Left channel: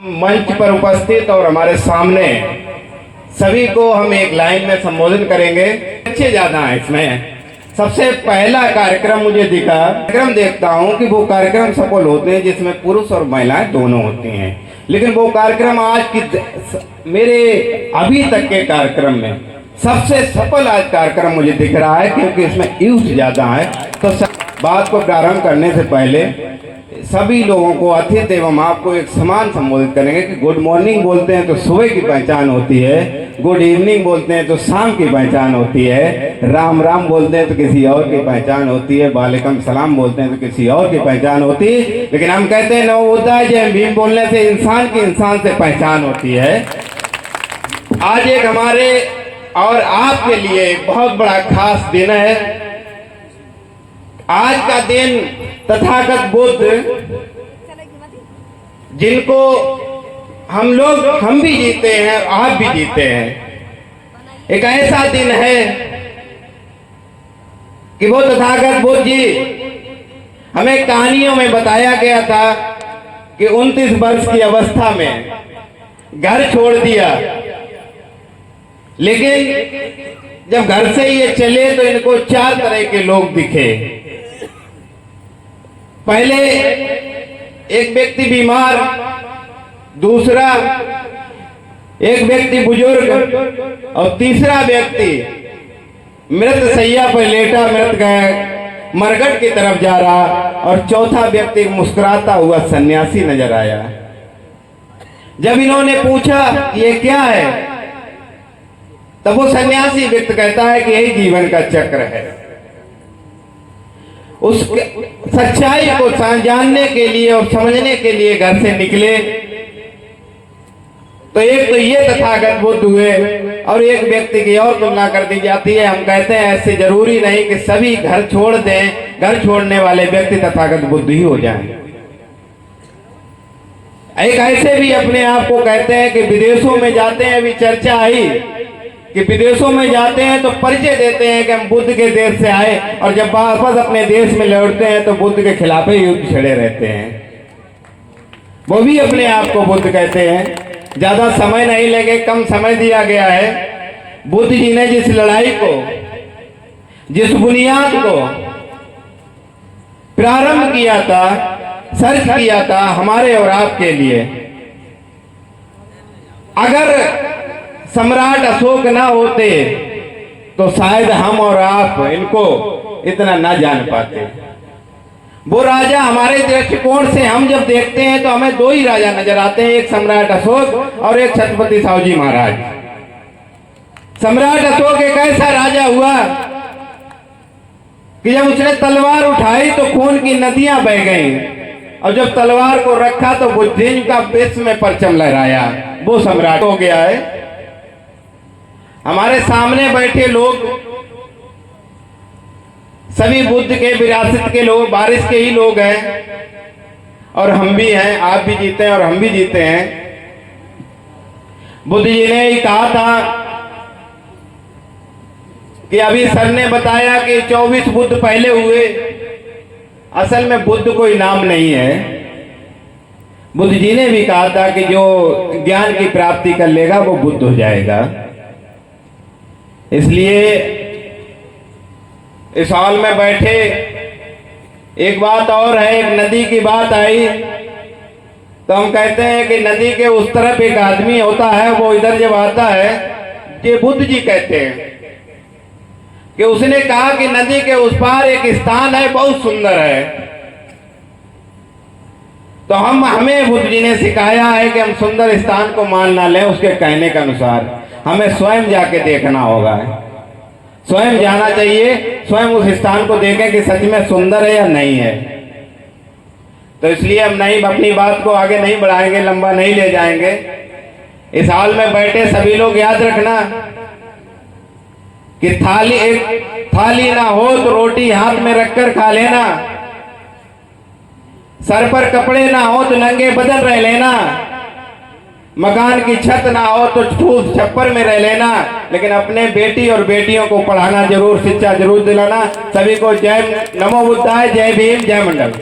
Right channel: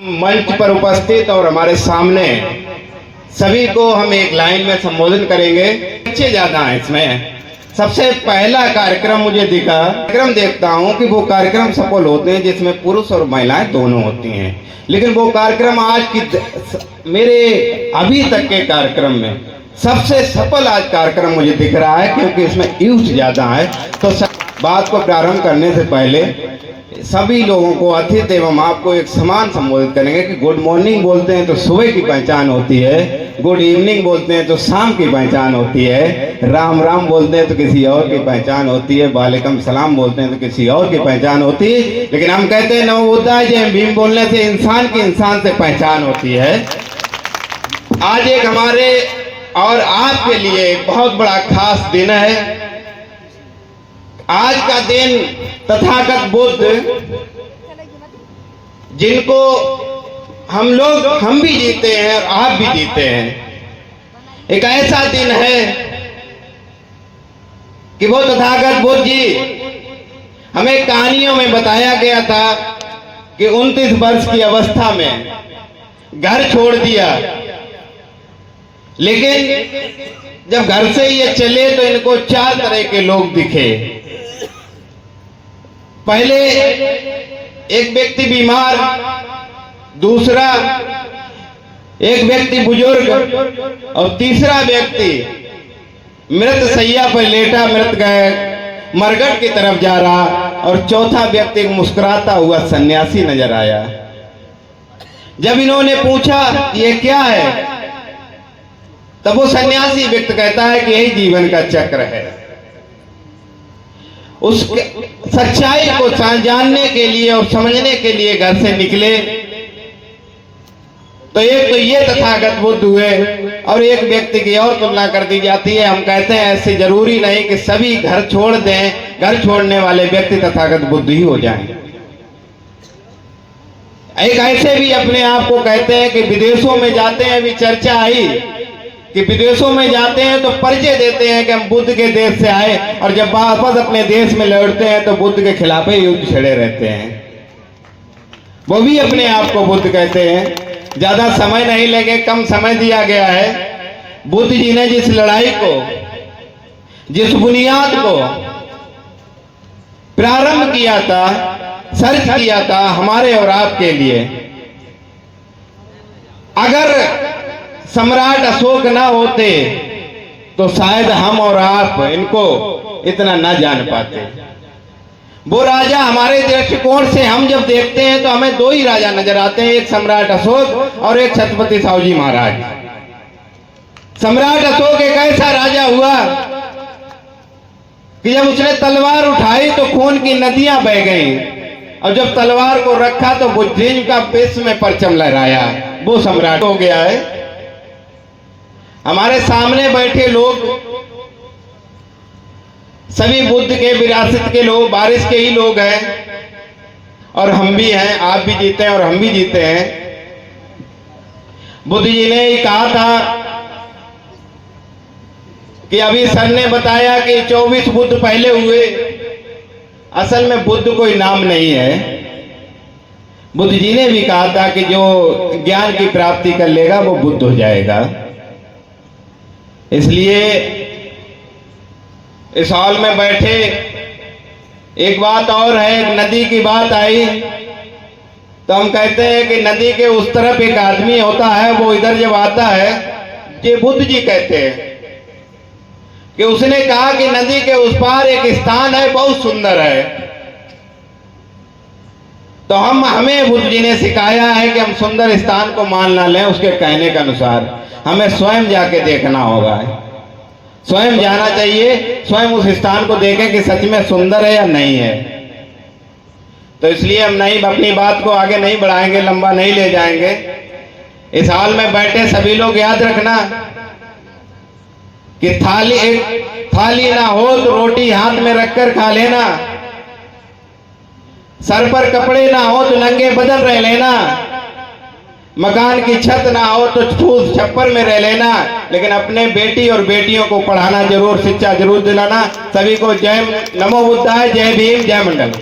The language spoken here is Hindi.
मंच पर उपस्थित और हमारे सामने सभी को हम एक लाइन में संबोधित करेंगे। अच्छे ज्यादा है इसमें। सबसे पहला कार्यक्रम मुझे दिखा, कार्यक्रम देखता हूँ कि वो कार्यक्रम सफल होते हैं जिसमें पुरुष और महिलाएं दोनों होती हैं, लेकिन वो कार्यक्रम आज की मेरे अभी तक के कार्यक्रम में सबसे सफल आज कार्यक्रम मुझे दिख रहा है, क्योंकि इसमें यूथ ज्यादा है। तो बात को प्रारंभ करने से पहले सभी लोगों को अतिथि एवं आपको एक समान संबोधित करेंगे कि गुड मॉर्निंग बोलते हैं तो सुबह की पहचान होती है, गुड इवनिंग बोलते हैं तो शाम की पहचान होती है, राम राम बोलते हैं तो किसी और की पहचान होती है, वालेकुम सलाम बोलते हैं तो किसी और की पहचान होती है। लेकिन हम कहते हैं नवोदय जय भीम बोलने से इंसान की इंसान से पहचान होती है। आज एक हमारे और आपके लिए बहुत बड़ा खास दिन है। आज का दिन तथागत बुद्ध, जिनको हम भी जीते हैं और आप भी जीते हैं, एक ऐसा दिन है कि वो तथागत बुद्ध जी हमें कहानियों में बताया गया था कि 29 वर्ष की अवस्था में घर छोड़ दिया, लेकिन जब घर से ये चले तो इनको 4 तरह के लोग दिखे। पहले एक व्यक्ति बीमार, दूसरा एक व्यक्ति बुजुर्ग और तीसरा व्यक्ति मृत शैया पर लेटा मरघट की तरफ जा रहा, और चौथा व्यक्ति एक मुस्कुराता हुआ सन्यासी नजर आया। जब इन्होंने पूछा ये क्या है, तब वो सन्यासी व्यक्ति कहता है कि यही जीवन का चक्र है। उस सच्चाई को जानने के लिए और समझने के लिए घर से निकले तो एक तो ये तथागत बुद्ध हुए, और एक व्यक्ति की और तुलना कर दी जाती है। हम कहते हैं ऐसे जरूरी नहीं कि सभी घर छोड़ दें, घर छोड़ने वाले व्यक्ति तथागत बुद्ध ही हो जाएं। एक ऐसे भी अपने आप को कहते हैं कि विदेशों में जाते हैं, भी चर्चा आई कि विदेशों में जाते हैं तो परिचय देते हैं कि हम बुद्ध के देश से आए, और जब वापस अपने देश में लौटते हैं तो बुद्ध के खिलाफ ही युद्ध छड़े रहते हैं। वो भी अपने आप को बुद्ध कहते हैं। ज्यादा समय नहीं लगे, कम समय दिया गया है। बुद्ध जी ने जिस लड़ाई को, जिस बुनियाद को प्रारंभ किया था, सर्च किया था हमारे और आपके लिए, अगर सम्राट अशोक ना होते तो शायद हम और आप इनको इतना ना जान पाते। वो राजा हमारे दृष्टिकोण से हम जब देखते हैं तो हमें 2 ही राजा नजर आते हैं, एक सम्राट अशोक और एक छत्रपति साहूजी महाराज। सम्राट अशोक एक ऐसा राजा हुआ कि जब उसने तलवार उठाई तो खून की नदियां बह गईं, और जब तलवार को रखा तो बुद्धिज्म का विश्व में परचम लहराया। वो सम्राट हो गया है। हमारे सामने बैठे लोग सभी बुद्ध के विरासत के लोग, बारिश के ही लोग हैं, और हम भी हैं, आप भी जीते हैं और हम भी जीते हैं। बुद्ध जी ने ही कहा था कि अभी सर ने बताया कि 24 बुद्ध पहले हुए। असल में बुद्ध कोई नाम नहीं है। बुद्ध जी ने भी कहा था कि जो ज्ञान की प्राप्ति कर लेगा वो बुद्ध हो जाएगा। इसलिए इस हॉल में बैठे एक बात और है, एक नदी की बात आई तो हम कहते हैं कि नदी के उस तरफ एक आदमी होता है, वो इधर जब आता है, ये बुद्ध जी कहते हैं कि उसने कहा कि नदी के उस पार एक स्थान है, बहुत सुंदर है। तो हमें बुद्ध जी ने सिखाया है कि हम सुंदर स्थान को मान ना लें उसके कहने के अनुसार, हमें स्वयं जाके देखना होगा, स्वयं जाना चाहिए, स्वयं उस स्थान को देखें कि सच में सुंदर है या नहीं है। तो इसलिए हम नहीं अपनी बात को आगे नहीं बढ़ाएंगे, लंबा नहीं ले जाएंगे। इस हाल में बैठे सभी लोग याद रखना कि थाली ना हो तो रोटी हाथ में रखकर खा लेना, सर पर कपड़े ना हो तो नंगे बदन रह लेना, मकान की छत ना हो तो फूस छप्पर में रह लेना, लेकिन अपने बेटी और बेटियों को पढ़ाना जरूर, शिक्षा जरूर दिलाना। सभी को जय नमो बुद्धाय, जय भीम, जय मंडल।